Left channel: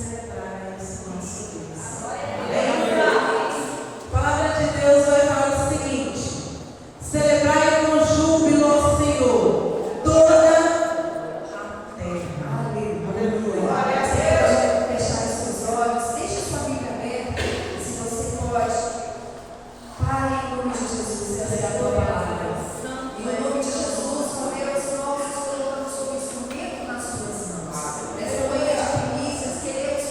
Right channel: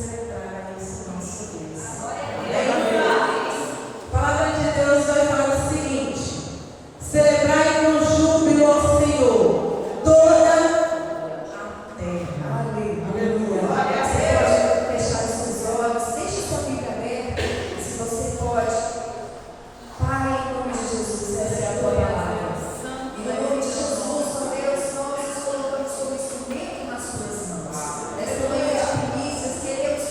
celebrar esse nosso Deus. A palavra de Deus vai falar o seguinte: celebrai com júbilo ao Senhor toda a terra. Aleluia. Glória a Deus. Fechar os seus olhos, deixa sua Bíblia aberta, se você pode. Pai, em nome de Jesus, essa é a tua palavra. Em nome de Jesus, ó Deus, nós nos colocamos como instrumento nas tuas mãos. Nesta manhã de primícias, queremos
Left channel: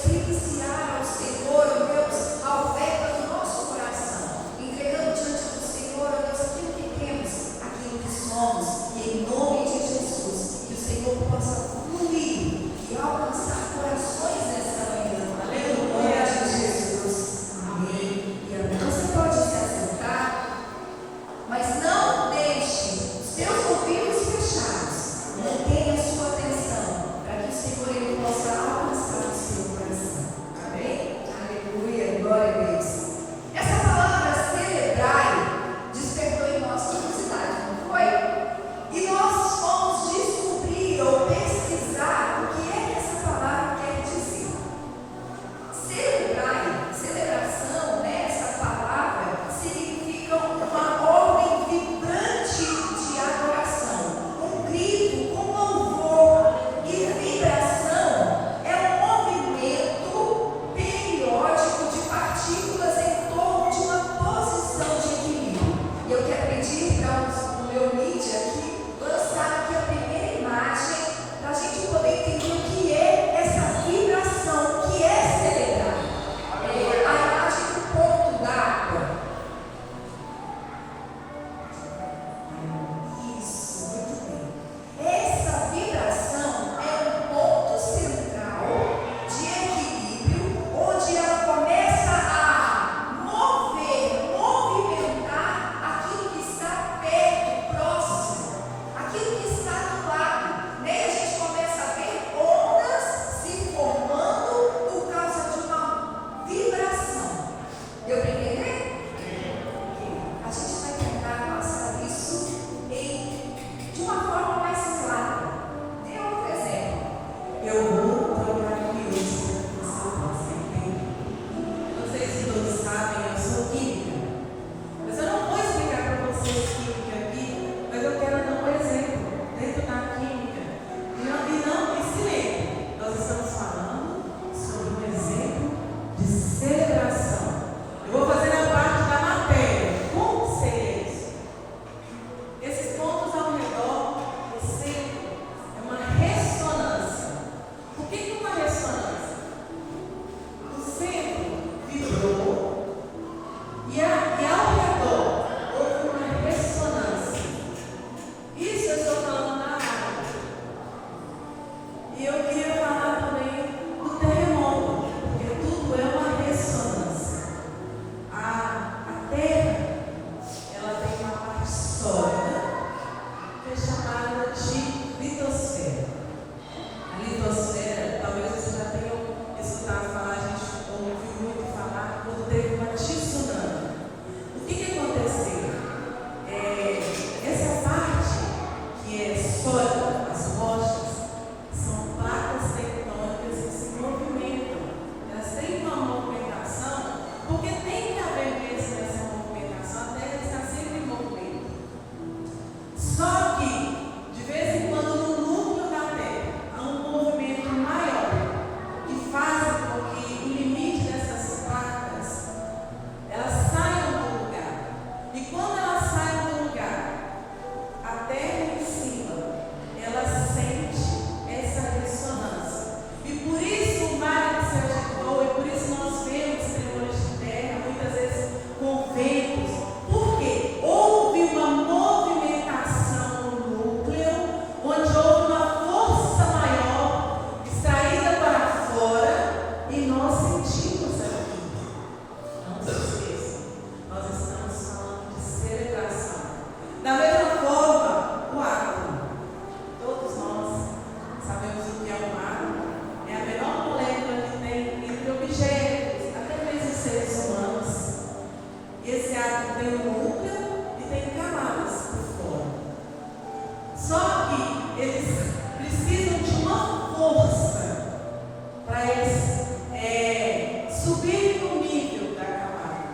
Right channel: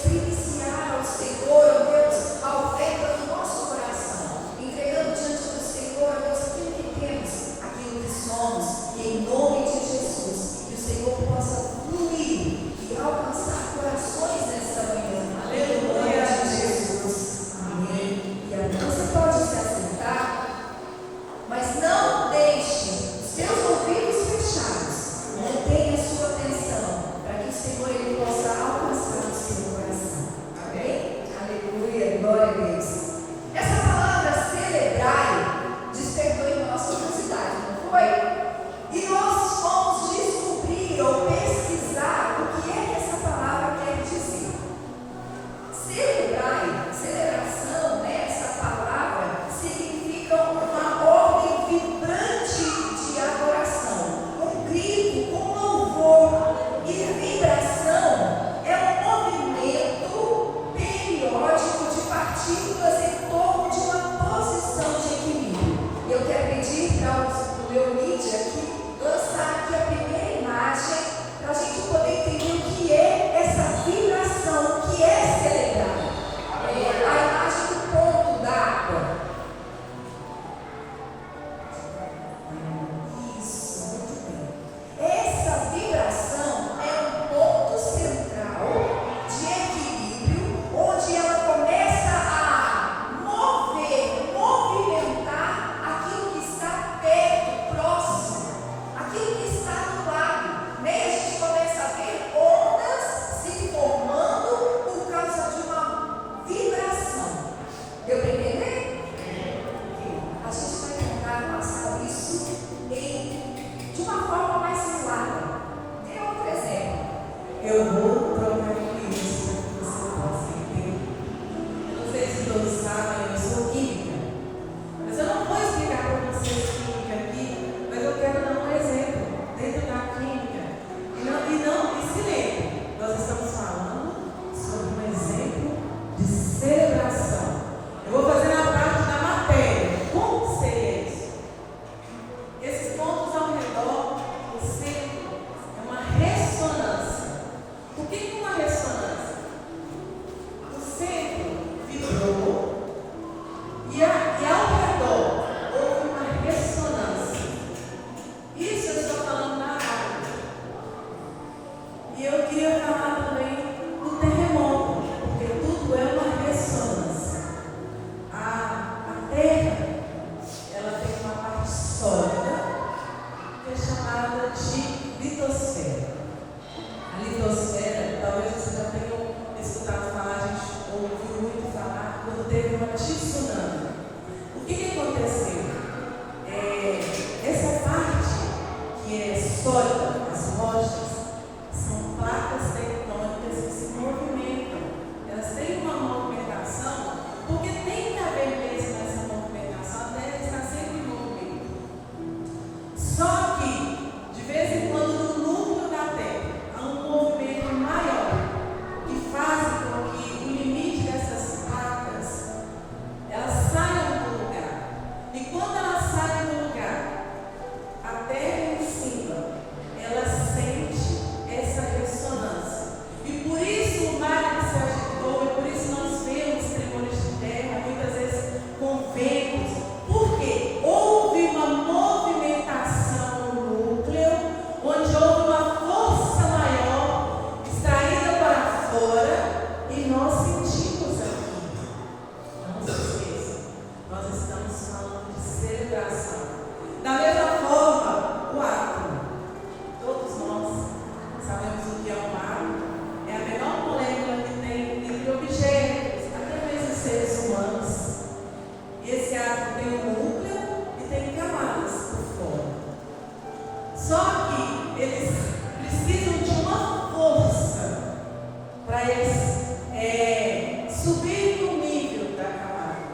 subir no nível da camada,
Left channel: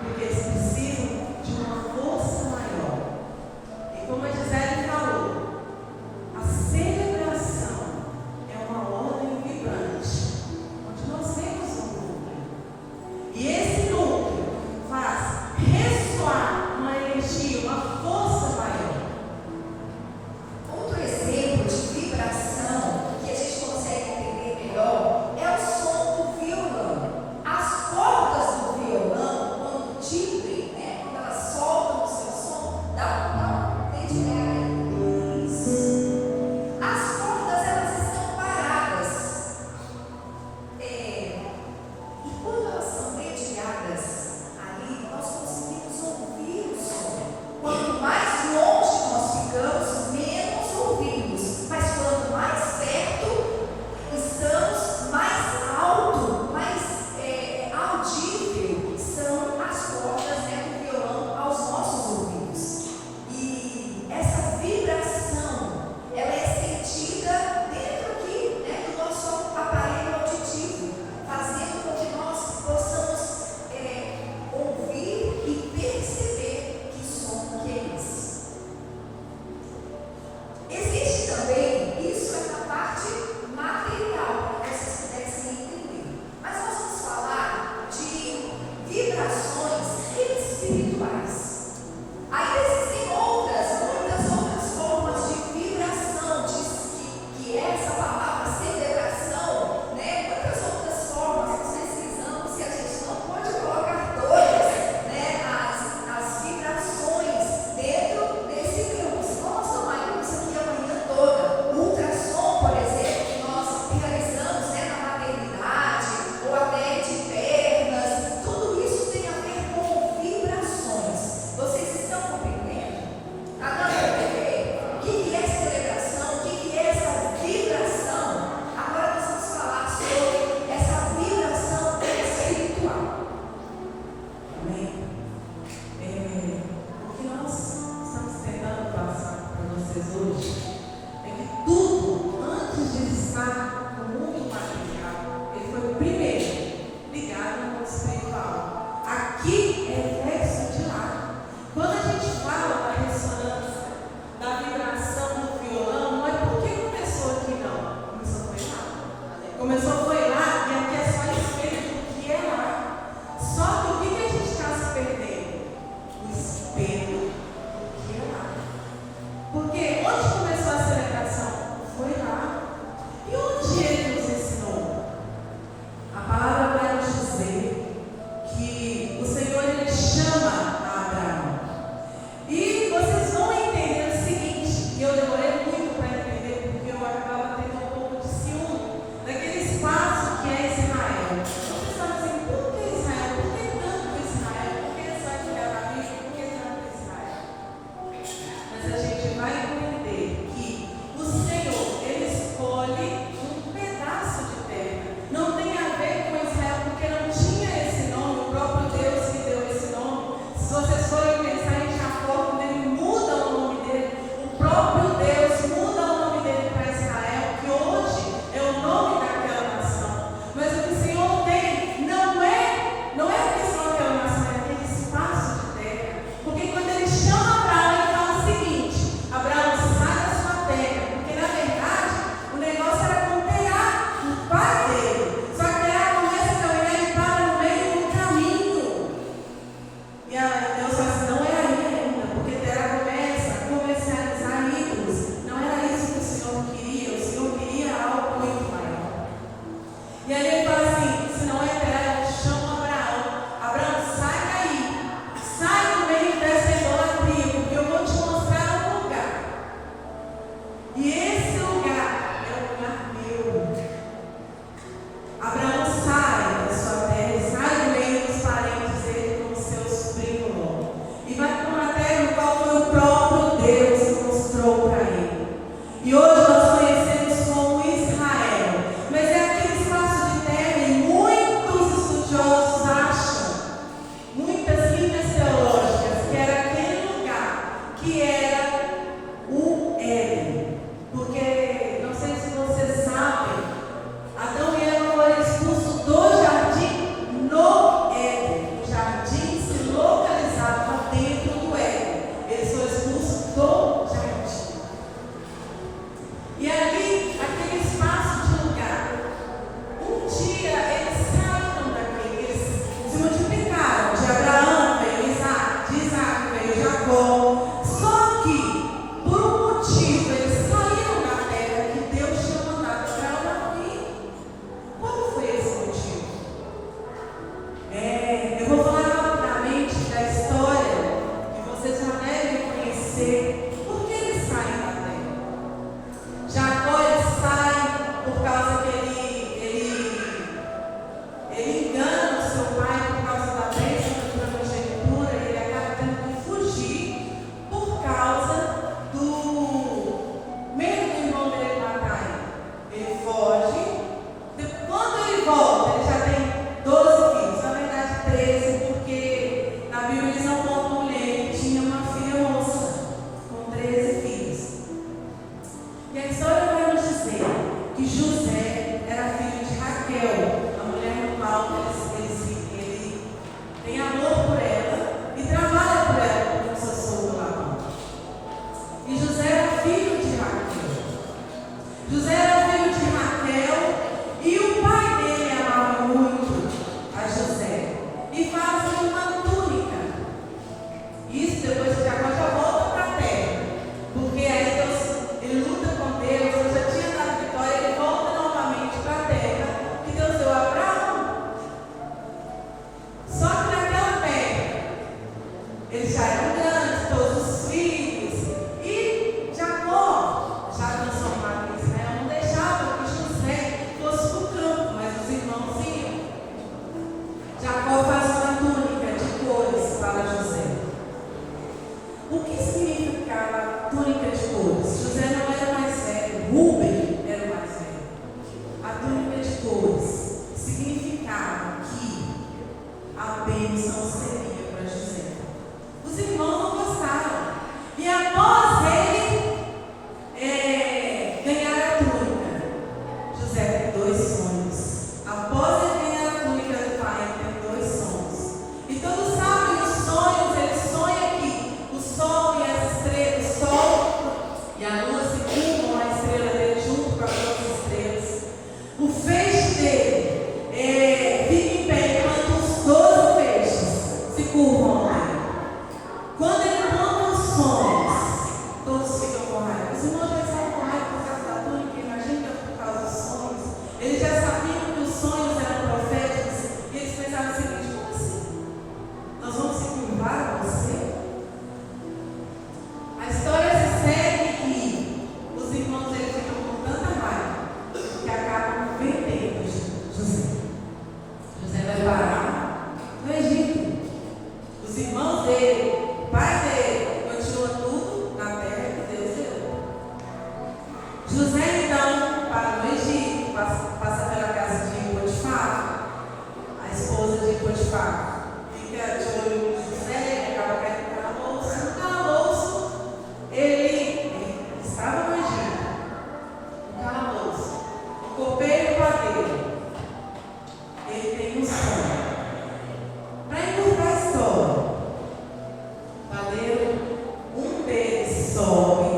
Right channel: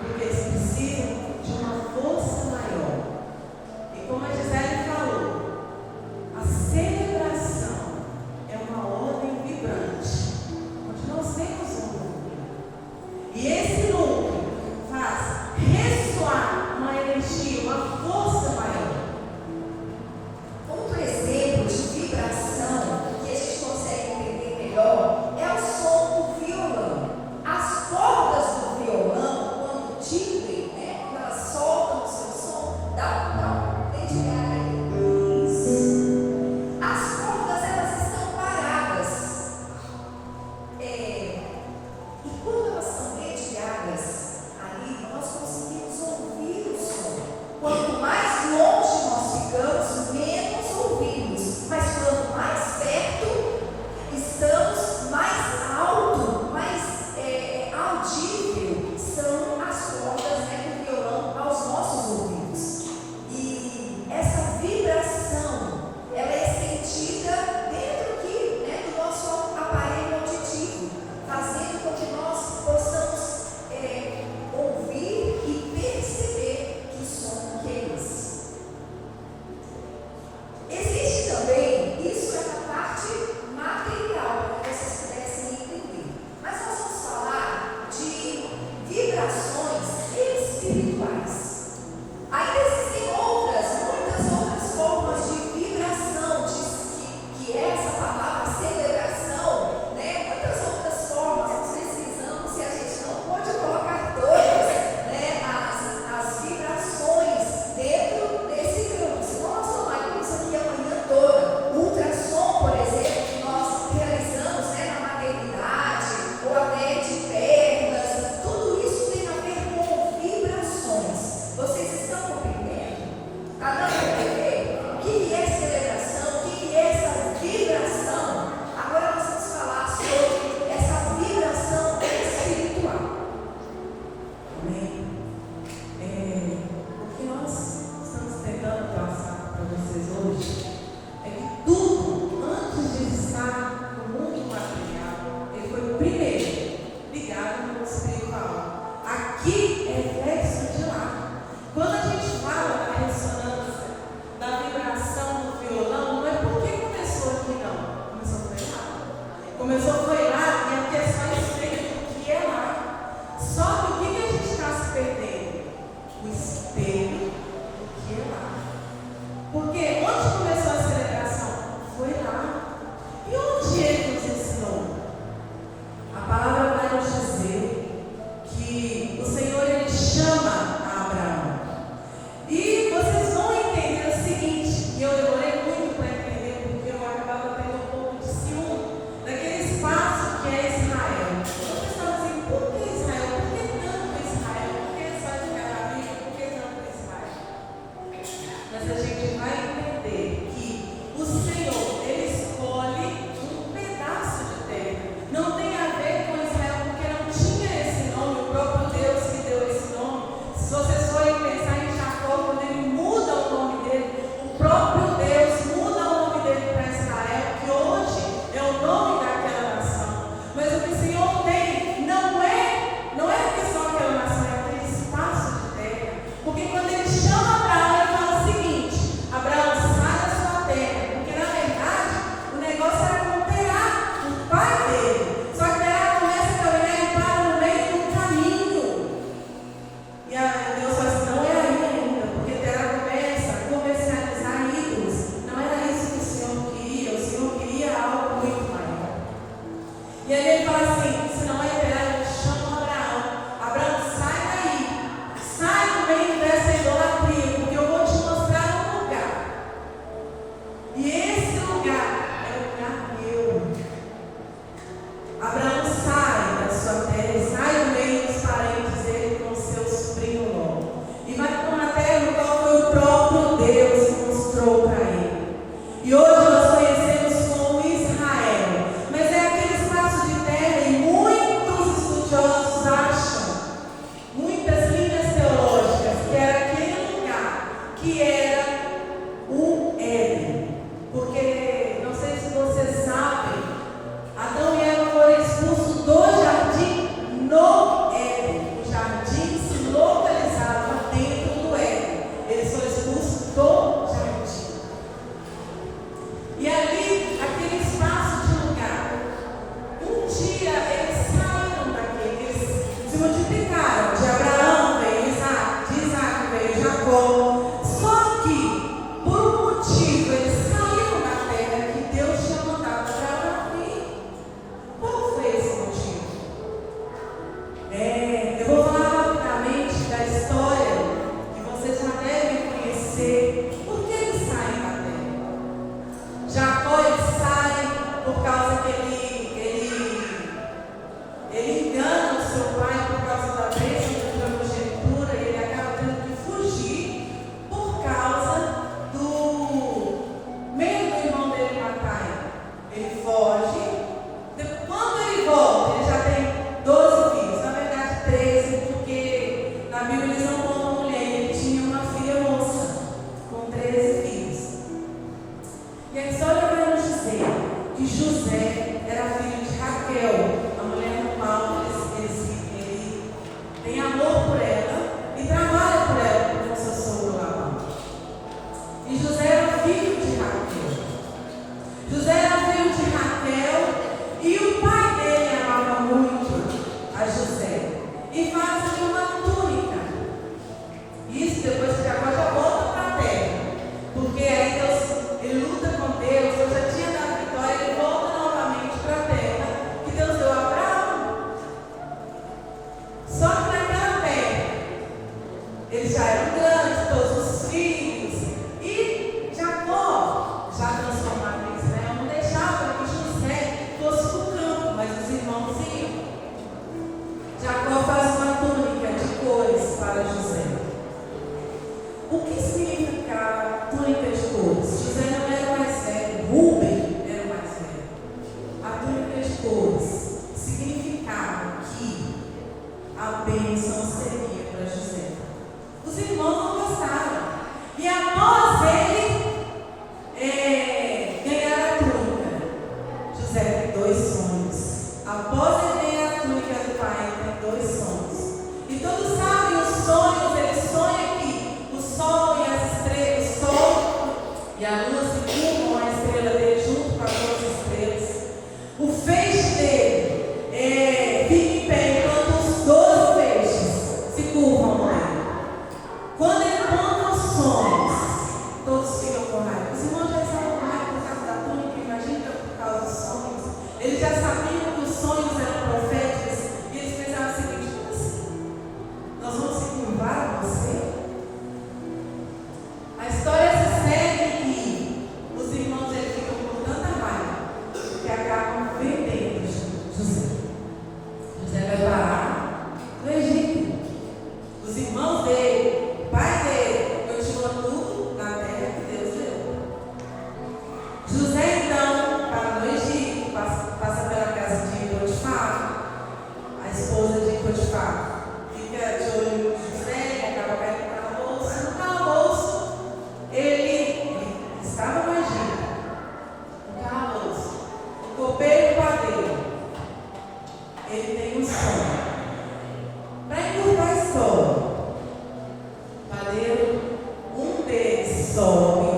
porque eles precisam de uma força maior. E como a Gisele falou, a celebração é uma ordem vibrante, onde nós temos um núcleo. E esse núcleo faz ressoar uma energia, uma força maior. Outro exemplo de vibração que a gente consegue entender melhor é o som do violão. As bênção seria para José. Os irmãos não gostaram. E após ele ganhar a túnica, José tem 2 sonhos. Após ele ganhar a túnica do pai, ele tem 2 sonhos. E todos sabem os sonhos, ele sonha que o sol e as estrelas, o sol e a lua se curvam a estrela dele junto com as outras estrelas. O feixe dele fica em pé enquanto os 12 feixes se curvam a ele. Quando ele conta os sonhos, todos ficam com raiva. Os irmãos já estavam com raiva por causa da túnica, imagina que por causa dos sonhos. Eles já sabiam que os sonhos eram proféticos e eles pensavam o seguinte: como assim? Nós vamos se curvar a você? A história se segue que os irmãos dele ficam com tanta raiva que acabam vendendo José. José vai parar no Egito. Os irmãos dele, o pai dele, continua tudo na terra que Deus deu. José então para no Egito, passa pela casa de Potifar, a esposa de Potifar. Fica de olho em José, acaba caindo no calabouço. No calabouço, ele estava no Egito, no calabouço, o copeiro e o padeiro. Ele tem um sonho. Para encurtar a história, o padeiro, um deles sobe.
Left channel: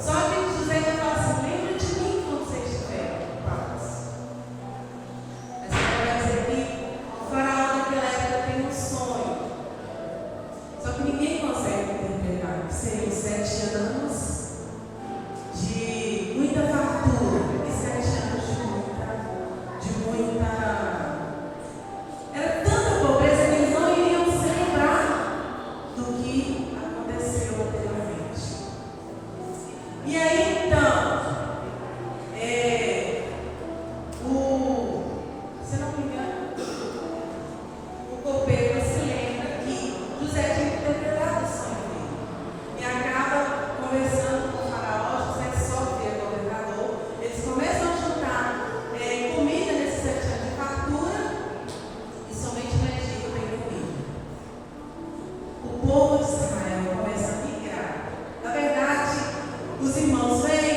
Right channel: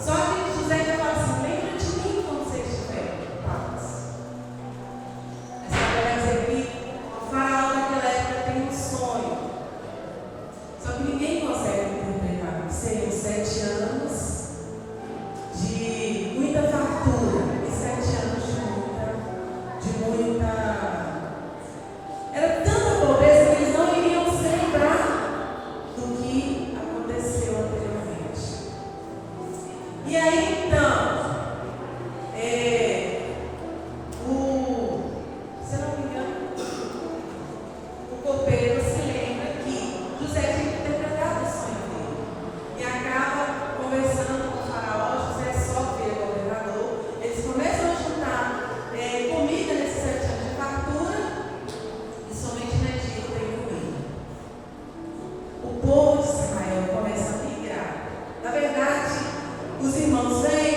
Só que José ainda fala assim: lembra de mim quando você estiver em paz. Essa vai dizer que o faraó daquela época tem um sonho. Só que ninguém consegue interpretar. Seriam 7 anos de muita fartura e 7 anos de muita. Era tanta pobreza que eles não iriam se lembrar do que aconteceu anteriormente. E aí então, se não me engano, o copeiro se lembra que José tinha interpretado o sonho dele. E acaba conversando com o faraó. José só vê o governador. Eles começam a juntar comida nesses 7 anos de fartura. E somente no Egito tem comida. O povo de Israel começa a migrar. Na verdade, os irmãos vêm.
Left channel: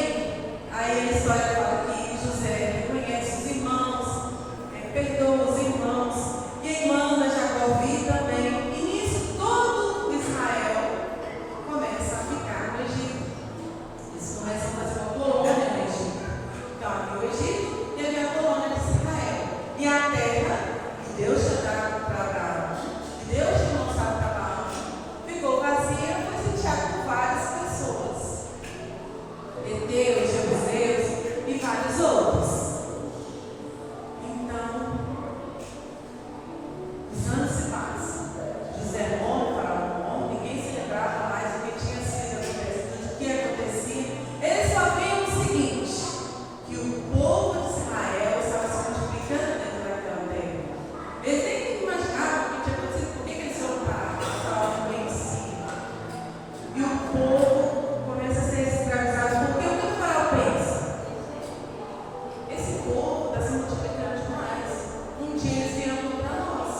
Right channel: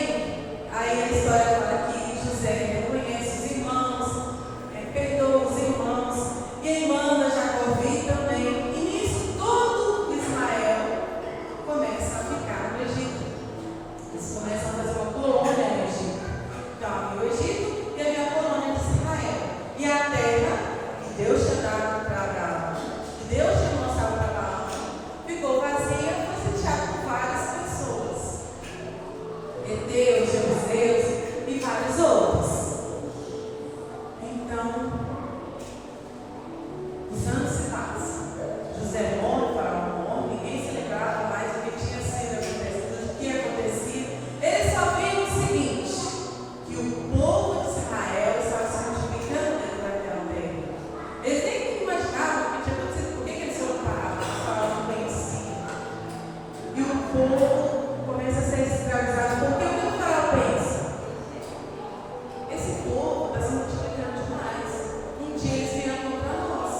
Aí a história fala que José reconhece os irmãos, perdoa os irmãos. E aí manda Jacó vir também. E nisso todo Israel começa a ficar no Egito. Eles começam a fazer uma colônia no Egito. Então havia o Egito e havia a colônia de Israel. E a terra que Deus tinha dado para Abraão, que Deus tinha mostrado para Abraão, ficou vazia, foi sitiada por várias pessoas. Heteus, jebuseus e vários outros. Então, os anos se passam. José morre, Faraó morre, ninguém se lembrava mais do que tinha sido acontecido, do que acontecia. Eles só viam o seguinte: que o povo de Israel estava se multiplicando dentro daquela terra. Eles nem imaginavam o que tinha acontecido, por que eles foram parar? Faraó vencia. E o povo começa a ser escravizado. Porque o que o Faraó pensa? Esse povo está se multiplicando demais. Um dia eles viram contra nós.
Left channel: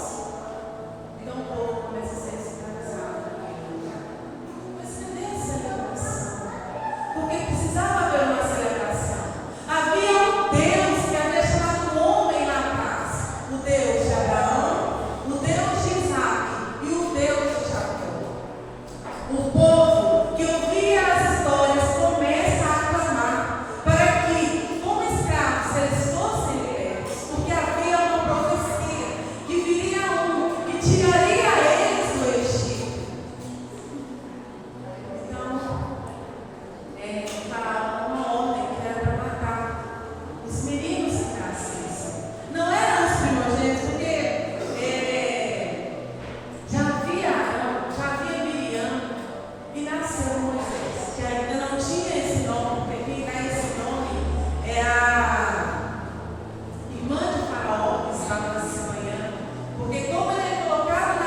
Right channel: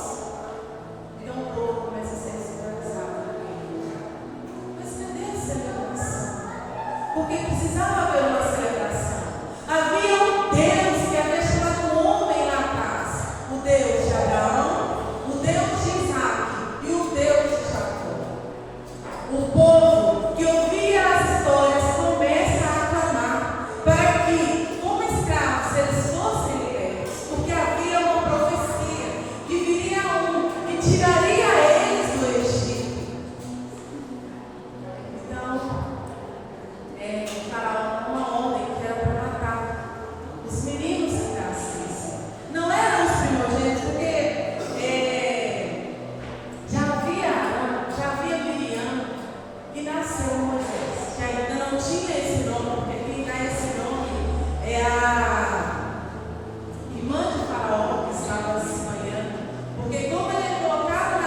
Então o povo começa a ser escravizado naquele lugar. Mas cadê a celebração? Porque precisava haver uma celebração. Havia um Deus que havia chamado o homem na paz. O Deus de Abraão, o Deus de Isaac e o Deus de Jacó. O povo que ouvia as histórias começa a aclamar para que, como escravos, eles fossem libertos, porque havia uma profecia que viria um e tiraria eles do Egito. Então, o faraó mandou uma ordem que era para matar os meninos que nascessem. Não eram os primogênitos, porque já havia Miriam e nasceu Moisés, que ainda não tinha esse nome, porque quem dá esse nome é a irmã de Faraó, que estava se banhando, porque como ele é colocado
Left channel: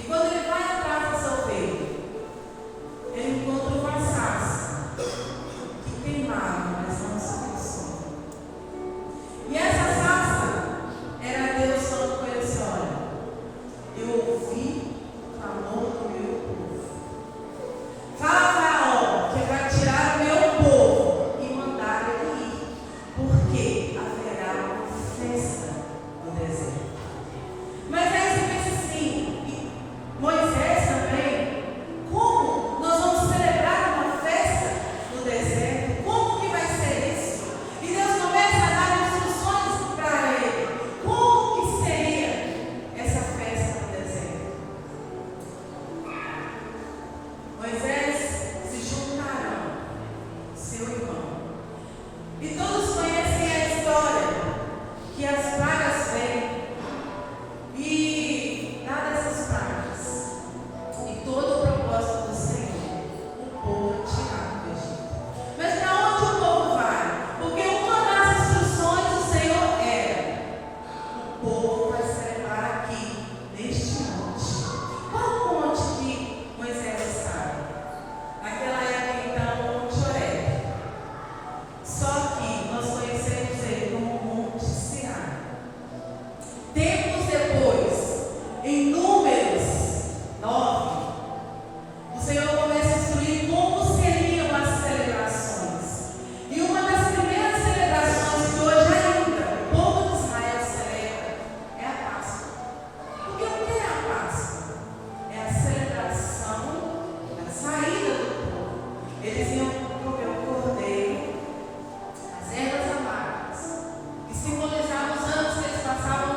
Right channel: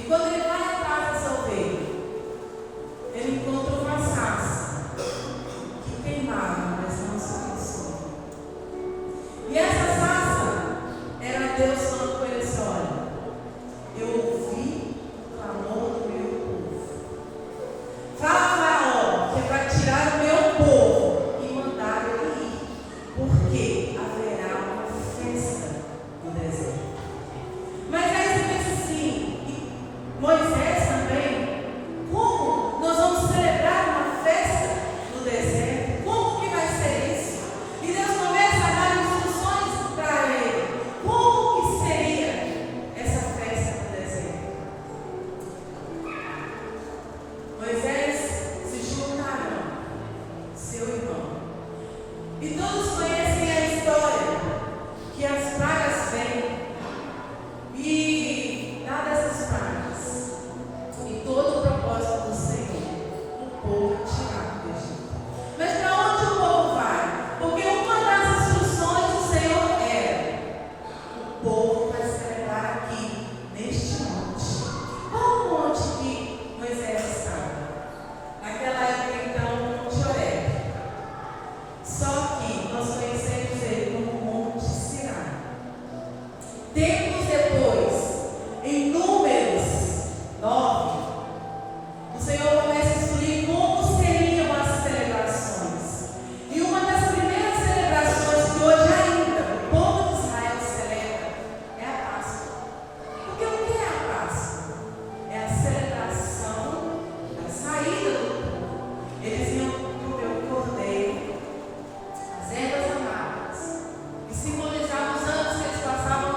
E quando ele vai atrás dessa ovelha, ele encontra uma sarça que queimava, mas não se consome. E essa sarça era Deus falando com ele assim: olha, eu ouvi o clamor do meu povo. Fala a Faraó que é para tirar o meu povo e mandar ele ir, porque haverá uma festa no deserto. Mas aí você pensa assim, e Moisés também, como nós vamos celebrar uma festa no deserto? Como que vai ser isso? E Deus começa a dar instruções para ele. Como que seria essa festa no deserto? Moisés se junta a Arão, seu irmão. E todos conhecem a história que as pragas vêm. E dadas essas pragas, e todo o propósito do Senhor, o povo é tirado do Egito. Mas para onde o povo vai? Porque uma das instruções do Senhor era: o povo vai celebrar aqui, neste monte. Qual o monte que Moisés estava? Naquela época, então, o Monte Horebe. Só que nós conhecemos ele como Monte Sinai. Tempos depois, em Números 9, o Senhor começa a instruir como seriam as celebrações. E uma das primeiras celebrações que hoje ainda o povo de Israel celebra é a Páscoa. Porque o que é a Páscoa? É a celebração da saída do povo. Eles iam comer o cordeiro, as ervas amargas, que simbolizavam os anos que eles passaram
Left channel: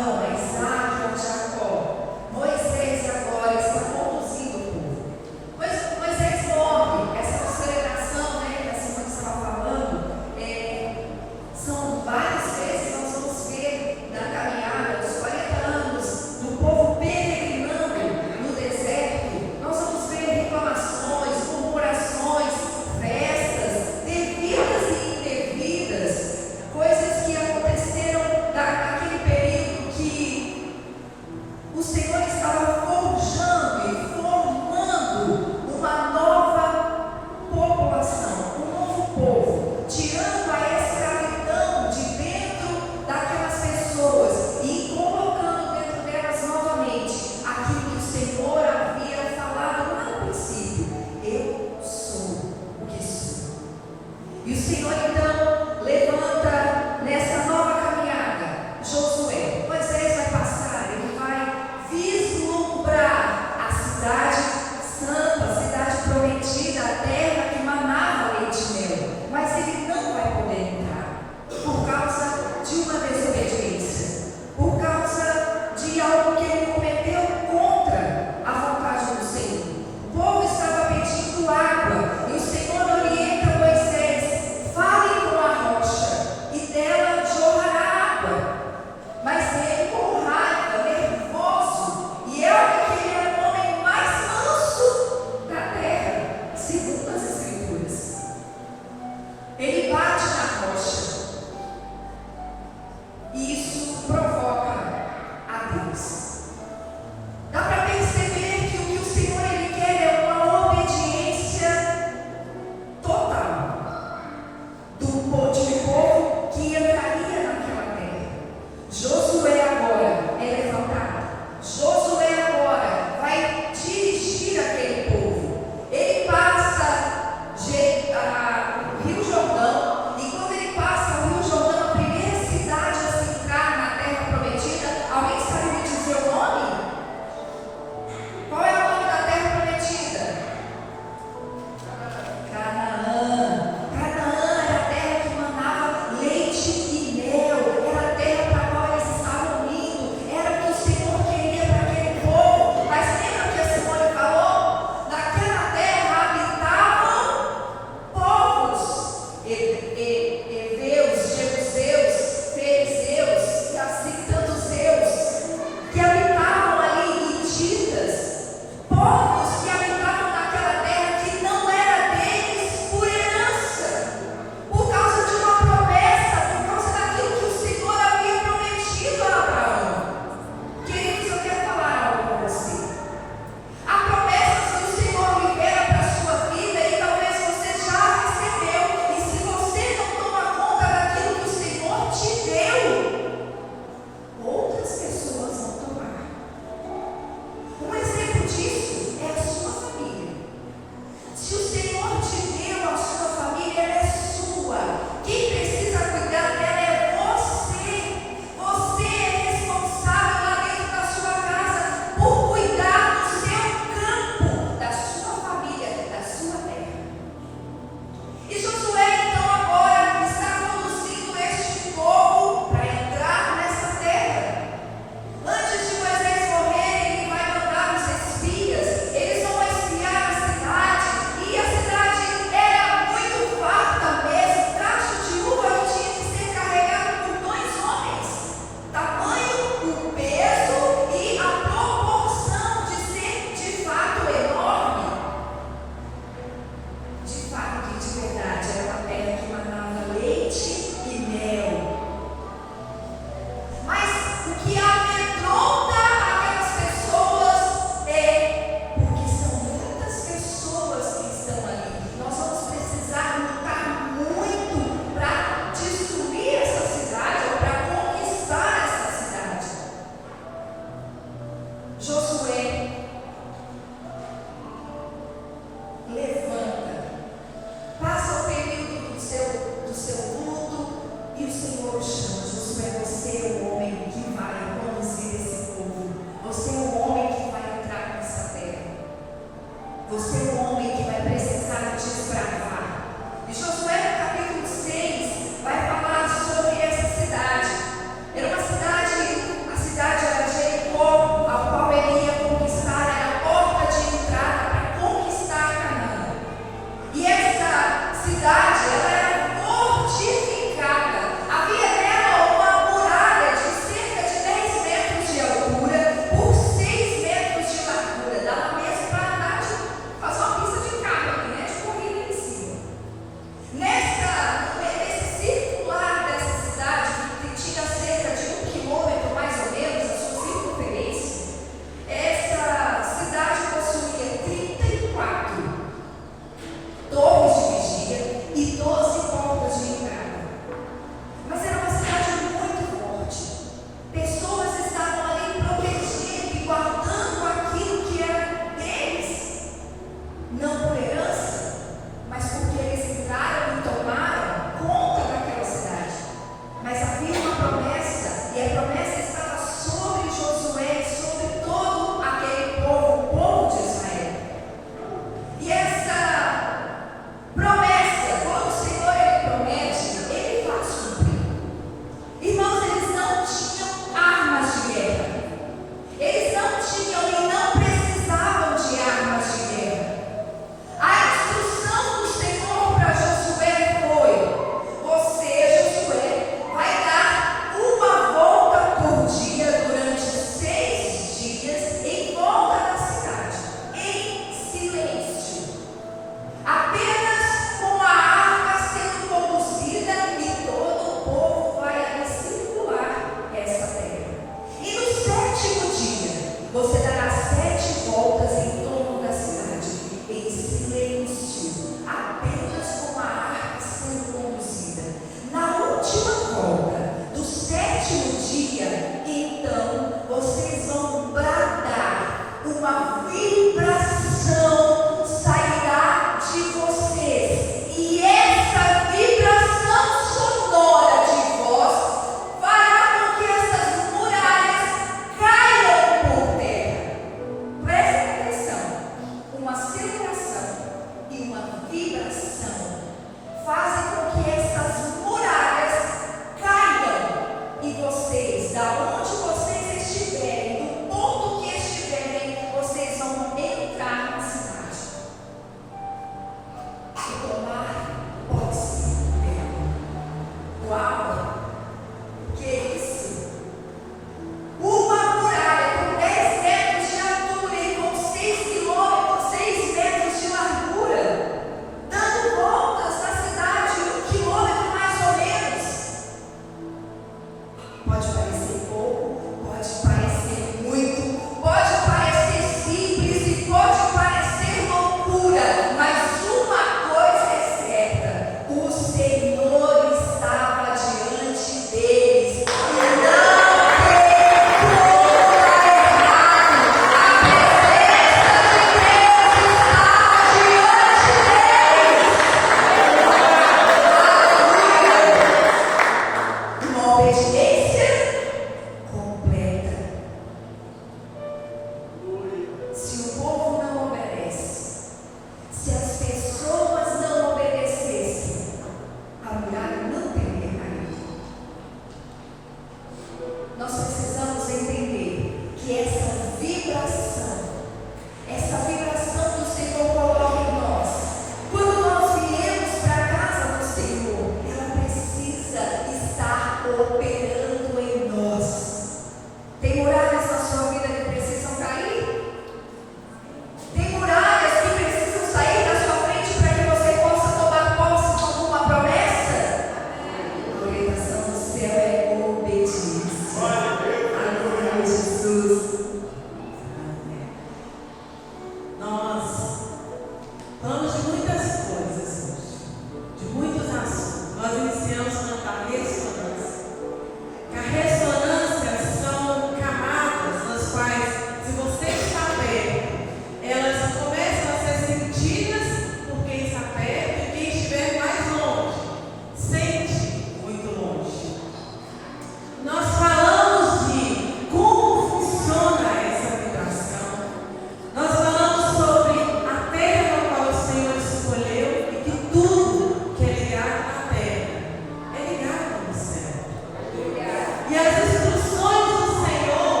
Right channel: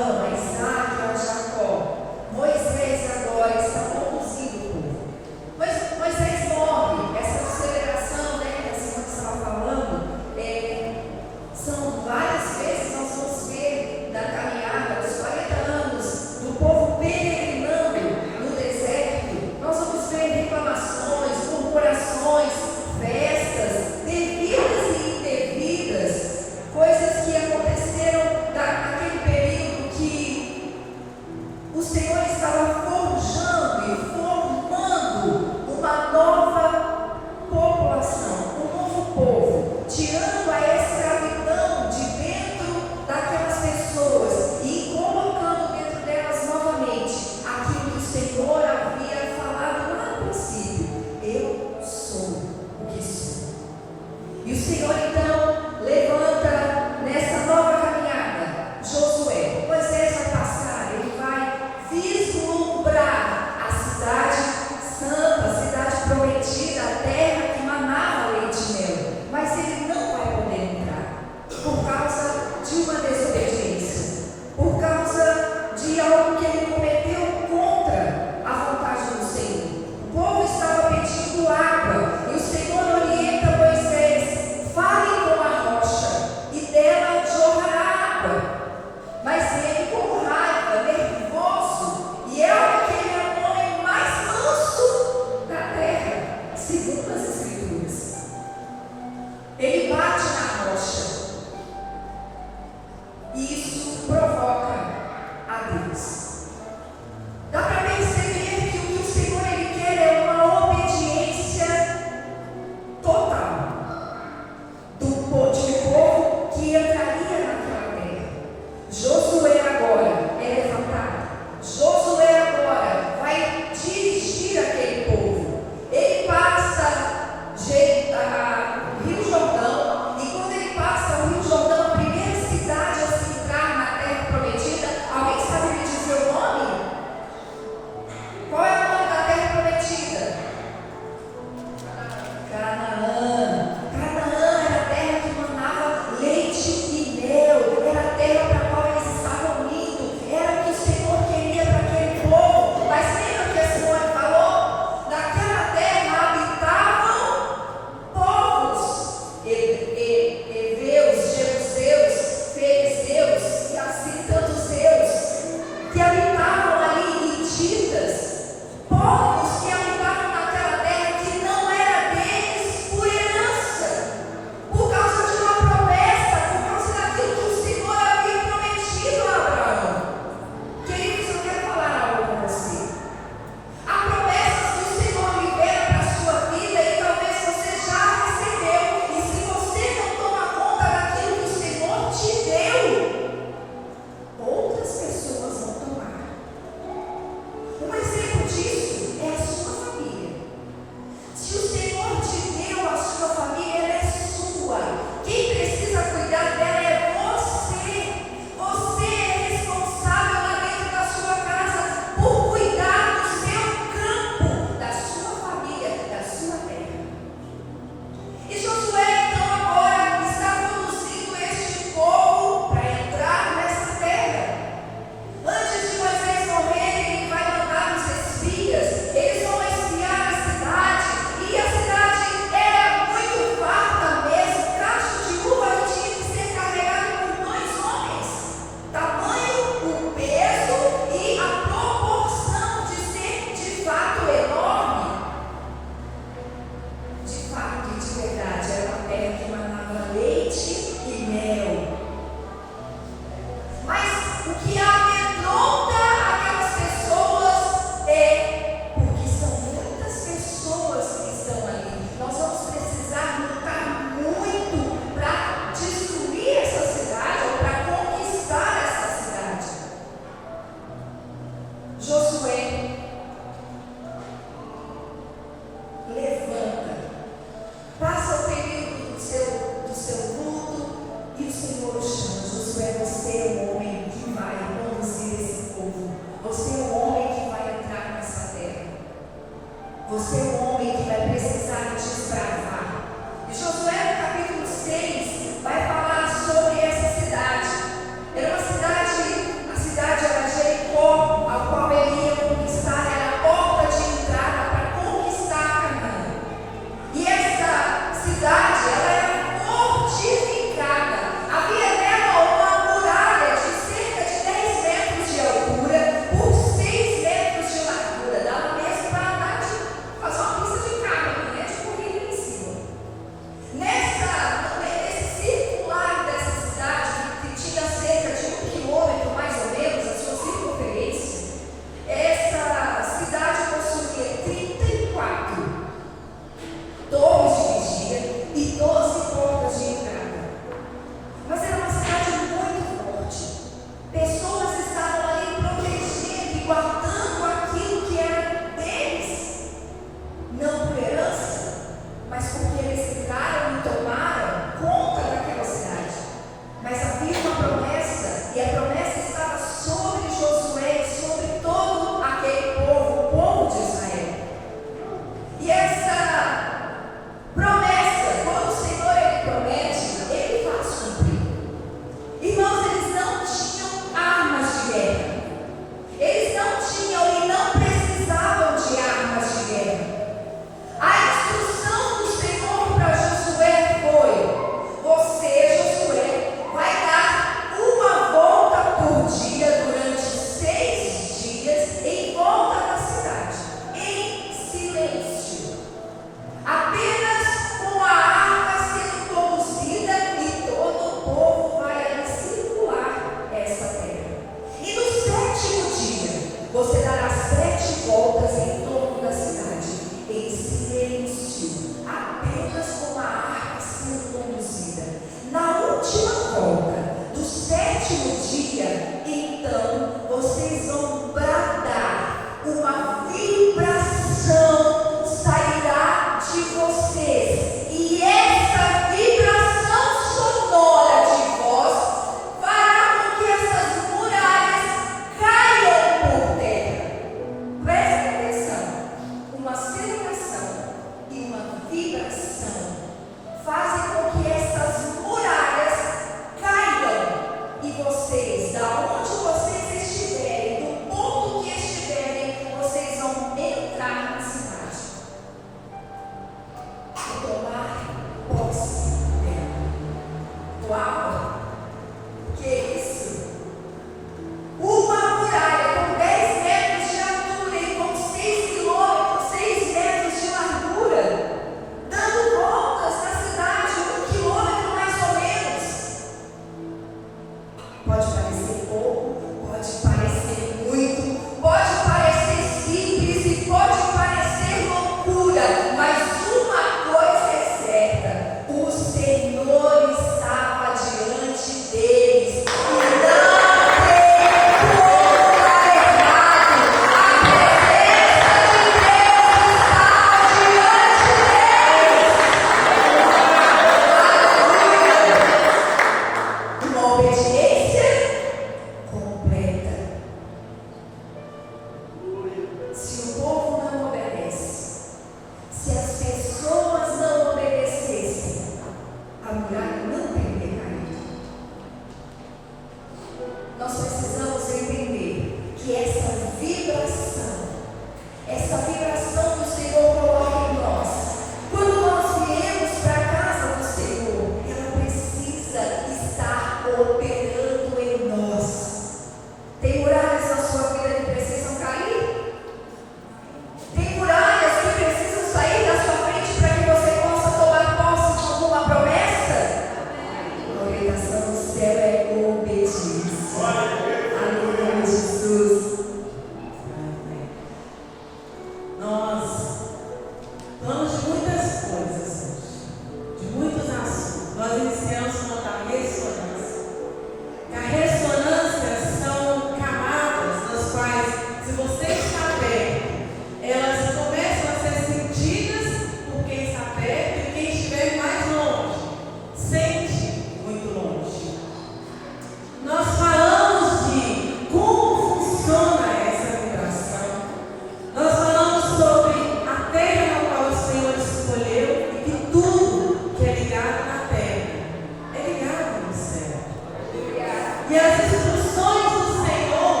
E as instruções do Senhor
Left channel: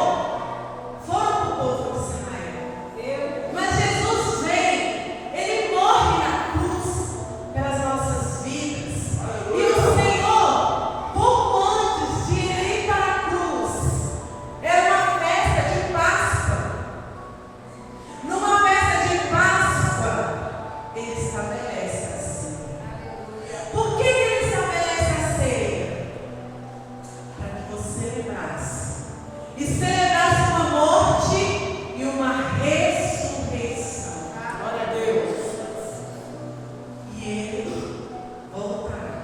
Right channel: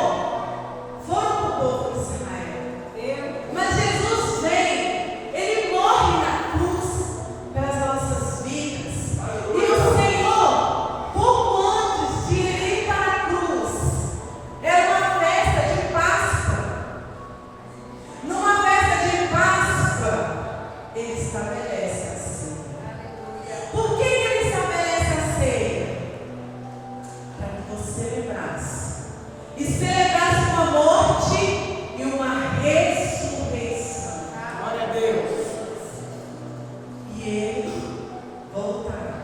foram para o povo de Israel. Mas Jesus vem, Ele morre na cruz pelas nossas vidas. E o Senhor, pouco antes de Ele ir para a cruz, era uma festa de Páscoa. Numa festa de Páscoa, Ele estabelece a ceia. Por que Ele estabelece a ceia? Para que você lembrasse. E celebrasse uma morte e uma ressurreição. Glória a Deus. E Ele voltará.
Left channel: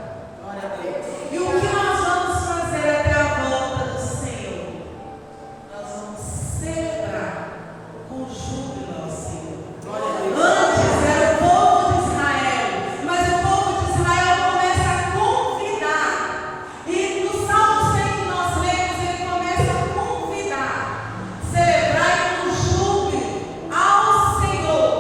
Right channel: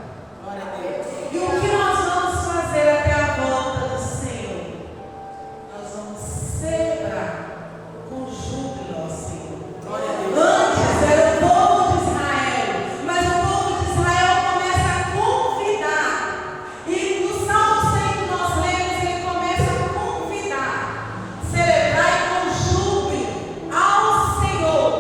Glória a Deus. E o que nós vamos fazer até a volta do Senhor? Nós vamos celebrar com júbilo ao Senhor. Glória a Deus. Antes era o povo de Israel, mas o povo de Israel começa a convidar. E no Salmo 100 que nós lemos, ele começa a convidar. Celebrai com júbilo ao Senhor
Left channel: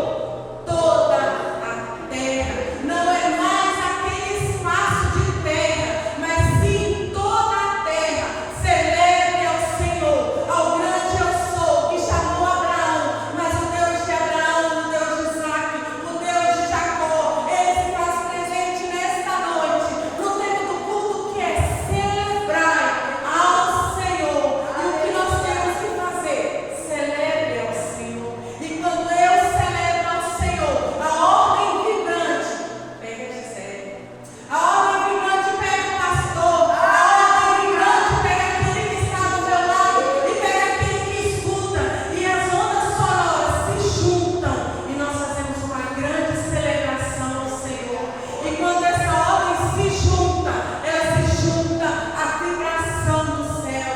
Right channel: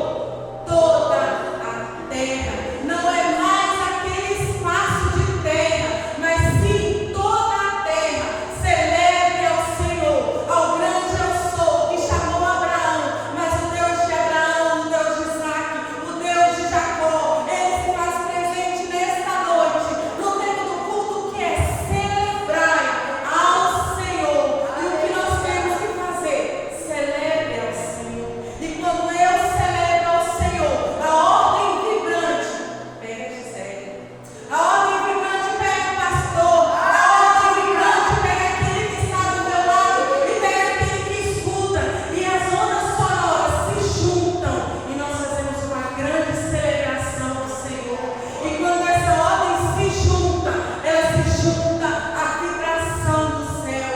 toda a terra. Não é mais aquele espaço de terra, mas sim toda a terra. Celebre ao Senhor, ao grande eu sou, que chamou Abraão, mas o Deus de Abraão, o Deus de Isaac, o Deus de Jacó, Ele se faz presente nesta noite, no tempo do culto, que é celebrar ao Senhor. E o que nós temos que fazer? Celebre ao Senhor. E quando eu celebro ao Senhor, a ordem vibrante pega a Gisele. A ordem vibrante pega o pastor. A ordem vibrante pega aquele que está do meu lado e pega aquele que escuta. E as ondas sonoras se juntam e nós fazemos uma grande celebração ao Senhor. E quando essa ordem se junta, ela se junta à vibração do céu.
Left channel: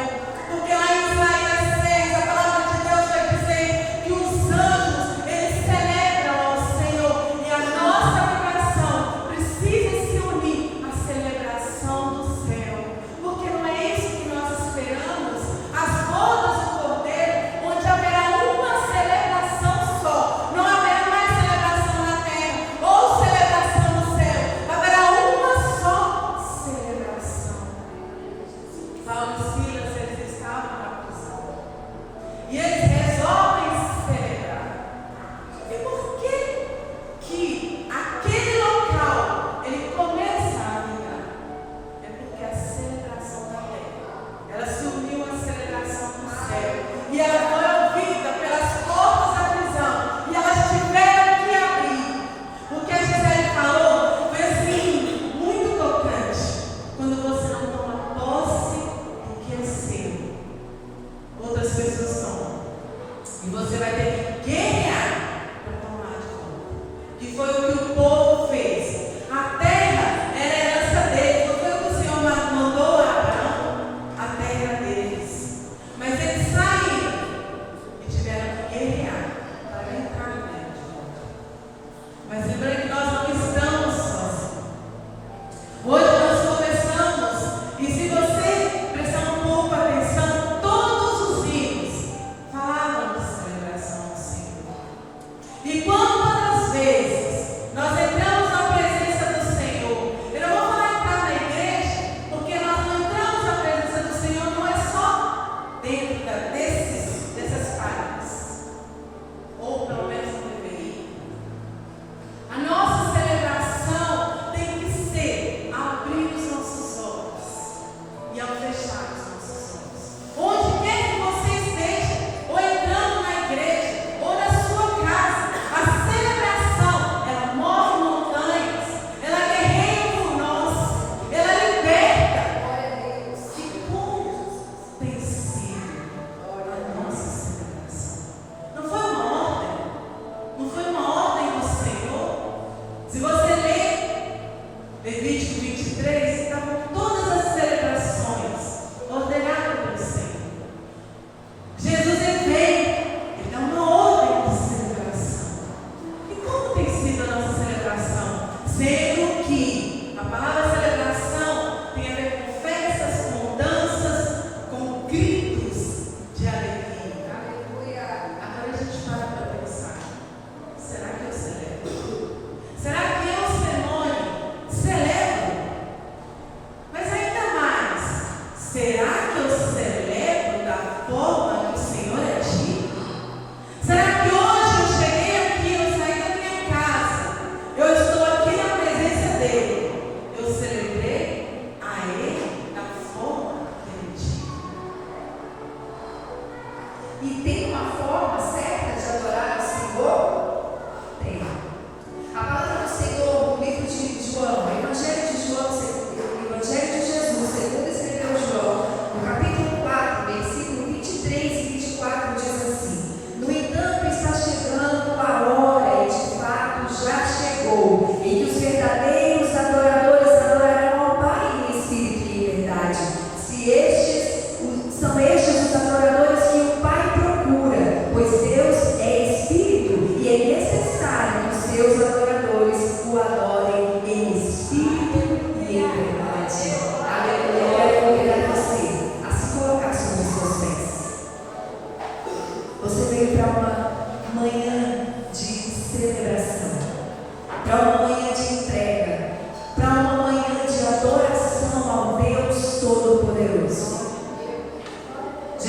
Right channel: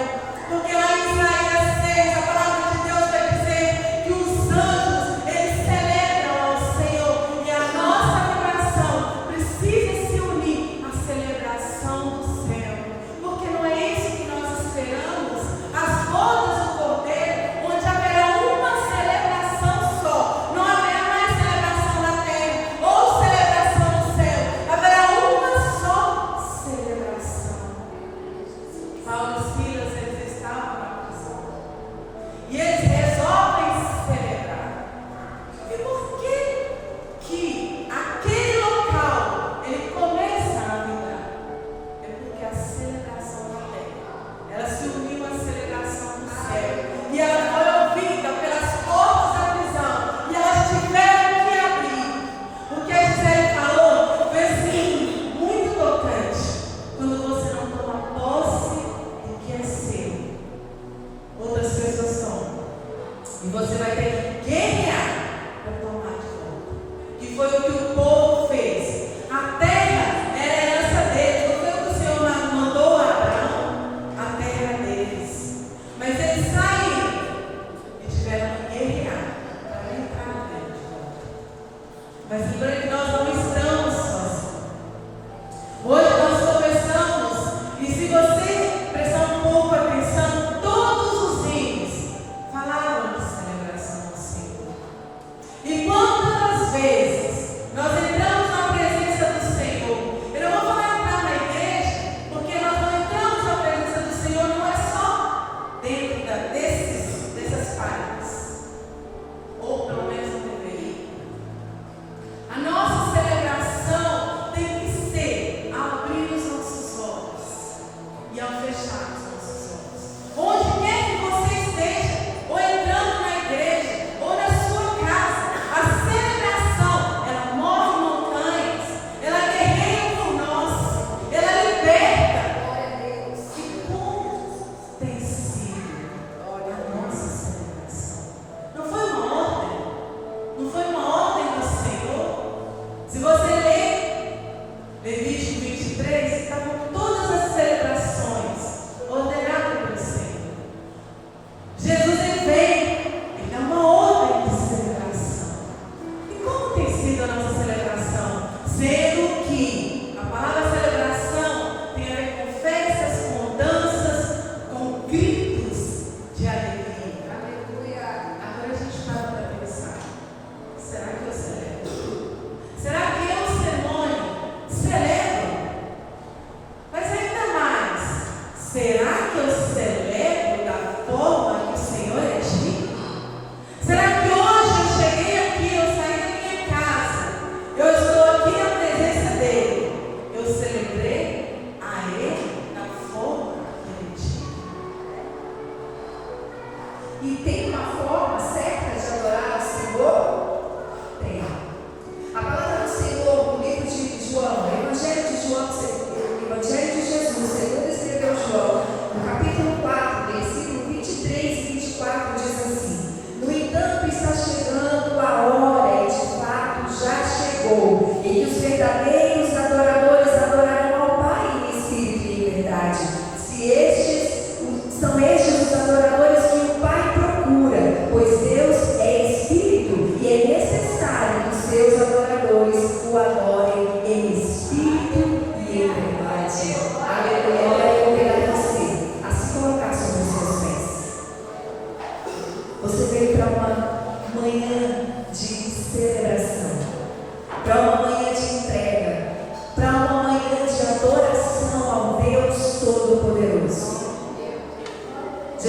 Porque lá em Isaías 6, a palavra de Deus vai dizer que os anjos, eles celebram ao Senhor. E a nossa vibração precisa se unir à celebração do céu. Porque não é isso que nós esperamos. As bodas do Cordeiro, onde haverá uma celebração só. Não haverá mais celebração na terra ou celebração no céu. Haverá uma só celebração. Paulo e Silas, eles estavam na prisão. E eles resolvem celebrar. E por que aquele local ele começa a vibrar? É porque a celebração da terra, ela se uniu à celebração do céu. E ela foi ouvida pelas portas da prisão. E elas tiveram que abrir. O que a Gisele falou foi assim, muito tocante. Quando você não toma posse do que é seu, outras pessoas tomam. E você vai ter que guerrear para tomar de volta. Que foi o que o povo fez. A terra era a herança deles. Não foi o que o Senhor mandou a Abraão? A terra era deles. Mas eles saíram e tiveram que guerrear para entrar na terra de volta. Mas lembrando que nós não estamos sozinhos. Hoje nós conversamos, e se você prestar um pouco atenção, todos os hinos falavam de celebração ao Senhor. E quantas vezes nós entramos na presença do Senhor? Eu não vou falar entrar na igreja, porque nós não entramos na presença do Senhor, não é só dentro dessas páginas. Ou pelo menos não deveria. A nossa celebração tem que ser ao abrir os nossos olhos e ao fechar os nossos olhos. Onde quer que você esteja, ou entrando na igreja, ou na sua casa, a celebração, ela move montanhas, ela guerreia por nós, ela liberta. Glória a Deus. E como tem sido a nossa celebração? Não foi uma ordem? Não foi uma ordem do Senhor? Se você ler Levítico 23, estavam todas as celebrações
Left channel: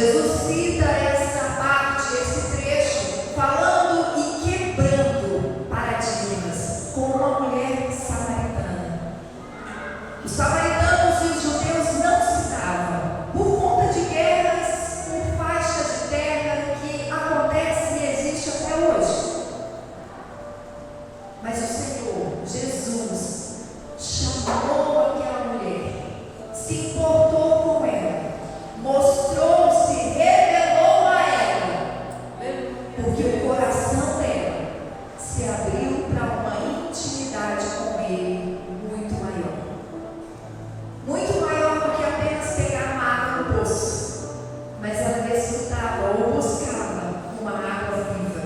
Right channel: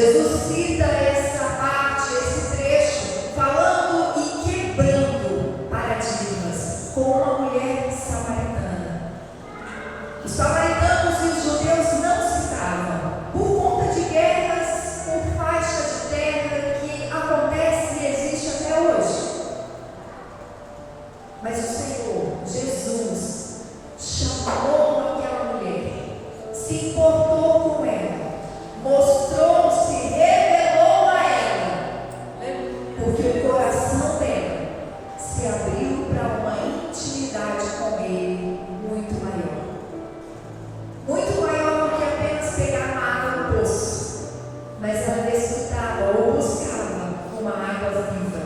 Jesus cita essa parte, esse trecho, falando e quebrando paradigmas com uma mulher samaritana. Os samaritanos e os judeus não se davam por conta de guerras por faixa de terra que acontece e existe até hoje. Mas o Senhor, Jesus, chamou aquela mulher, se importou com ela, mostrou-se, revelou a ela, porque o coração dela se abriu para uma intimidade com Ele muito maior. Muito maior do que apenas pegar uma água no poço, mas ela desfrutava ou buscava uma água viva.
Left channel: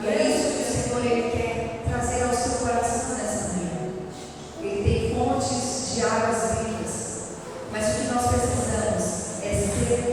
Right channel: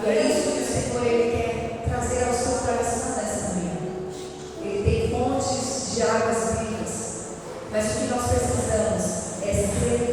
E é isso que o Senhor Ele quer trazer ao seu coração nessa manhã. Ele tem fontes de águas vivas, mas o que nós precisamos é ser